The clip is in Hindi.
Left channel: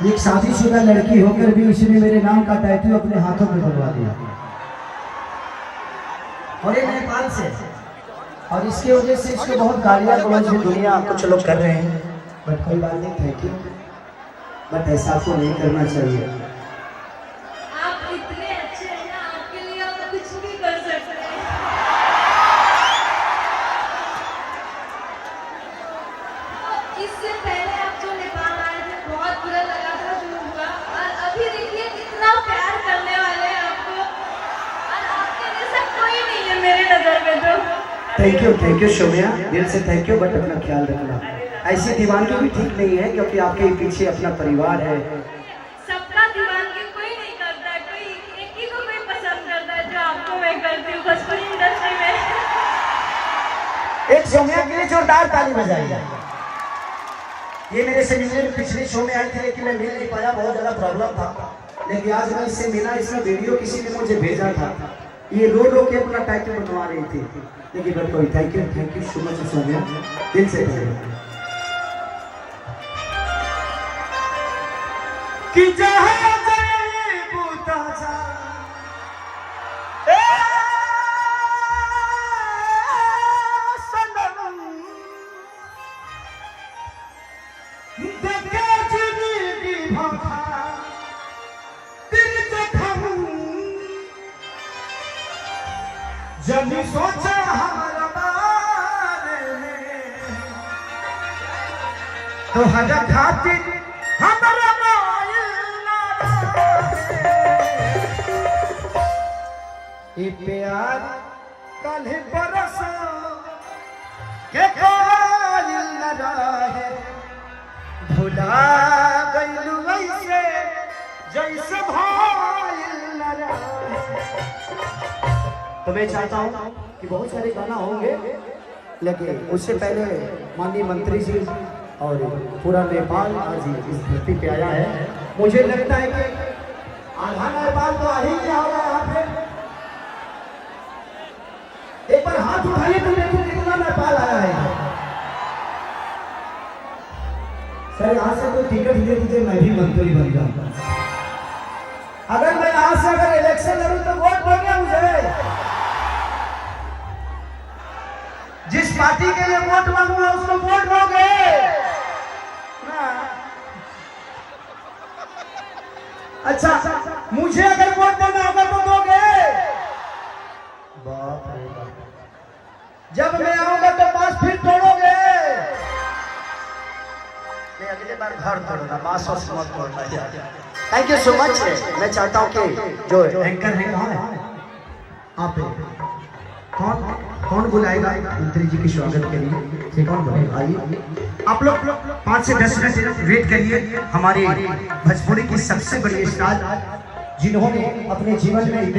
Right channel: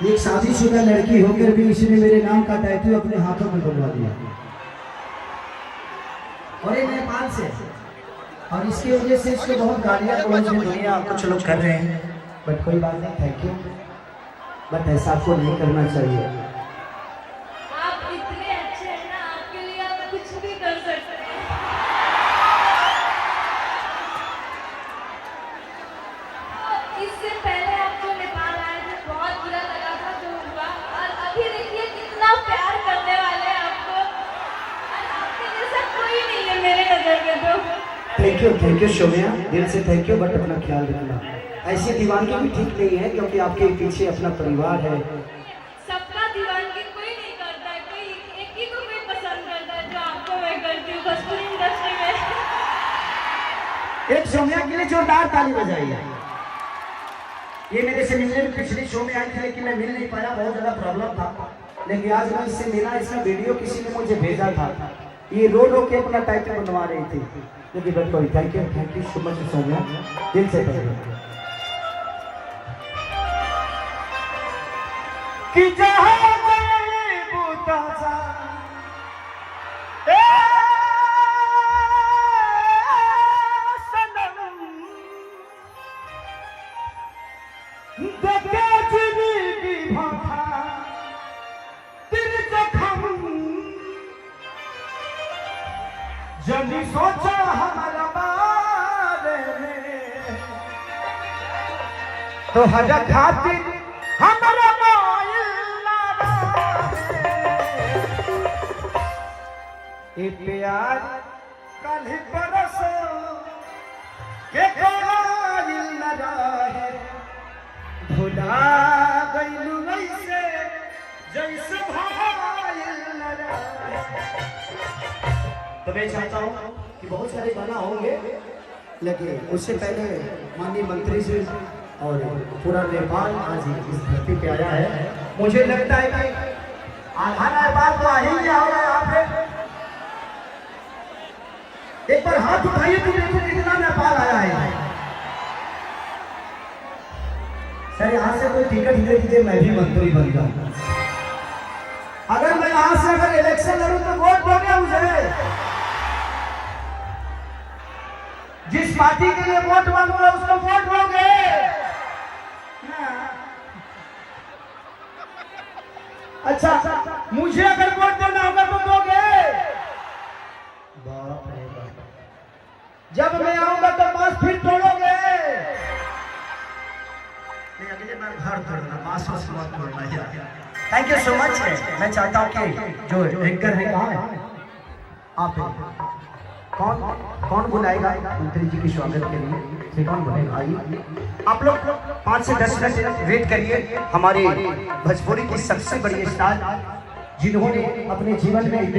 एक शादीशुदा लड़की होकर भी इसने मेरे नाम का टैटू अपने हाथों में बनवा दिया, और ये नेपाल से। और इसकी वजह से इसको बहुत गालियाँ गलौज में दुनिया कुछ लोग कर रहे हैं, बट कोई बात नहीं, थैंक यू। बट ऐसा आपको नहीं करना चाहिए। आप इतने अच्छे हैं ना, आपके लिए हम कुछ भी कर सकते हैं। तो इससे पहले आप जो नेपाल आए थे बहुत बुरा लगा था जो हुआ, और अभी देखिए कितना प्यार करने वाले हैं आपको, और आपके जैसा कोई नहीं है मेरे नजर में। तो थैंक यू शोमिया, दिल से थैंक यू। बट अपना ख्याल रखना, ऐसी दीवानगी भी ठीक नहीं है, क्योंकि आपके पीछे अपना परिवार है। सबका दीवानगी कोई नहीं करता है, कोई एक ही को कोई पसंद करता है, जो आपको मैं करती हूँ भोजपुरी इंडस्ट्री में। एक शोमिया के लिए जोरदार ताली बजाइए। ये मेरे से मिलने में पिछले शो में आए थे, लेकिन मैं मिल नहीं पाया, बहुत ज़्यादा प्रॉब्लम था। लेकिन आज मैं इससे मिला, इसका वीडियो किसी ने मुझे भेजा था। ये रो रो के अपना टैटू बनवा रही थी, लेकिन बट कोई थैंक यू सो मच शोमिया, दिल से पहले कि जहाँ जाए बूता जा सनम देखे जिंदगी भाखा तेरे जखम जनी सोचा हमारा बारे में तो हर खातिर हमारा प्यार कल बरस के कायल न रहे, भुला गइलू वैसे जैसे भाइल न रहे। तो मैं चाहता हूँ कि बहुत सारे गाना होंगे, लेकिन उससे पहले माननीय मंत्री जी और पूरा नेपाल आज इस धरती पे आया है। मुझे लगता है कि आधा नेपाल तो आ ही गया होगा यहाँ पे। एक बार हाथ उठाइए तो देखो कितना नेपाल आया है। सर यहाँ से कोई टिकट दे दीजिए, मैं भी मंत्री बन जाऊंगा। अगर मैं यहाँ से अगर इलेक्शन लड़ूं तो वोट दोगे मुझे? जिस पार्टी के लिए वोट मांगूंगा उसको वोट दोगे ना? अच्छा, मुझे अगर वोट देना होगा तो दोगे? बाप रे बाप, जब मैं आऊंगा तो बांस फिर तोड़ोगे? मैं अगले बार घर तोड़ूंगा, बांस मत तोड़ना। Thank you so much. मैं चाहता हूँ कि जो एंकर है कहाँ है, आप कौन बुलाएगा मंत्री जी की स्वागत के लिए? ठीक, कौन बोलेगा? आइए आप लोग 5 से 10 मिनट वेट करिए। हमारे भोजपुरी की सबसे बड़ी स्टार जिन्होंने अपने जीवन में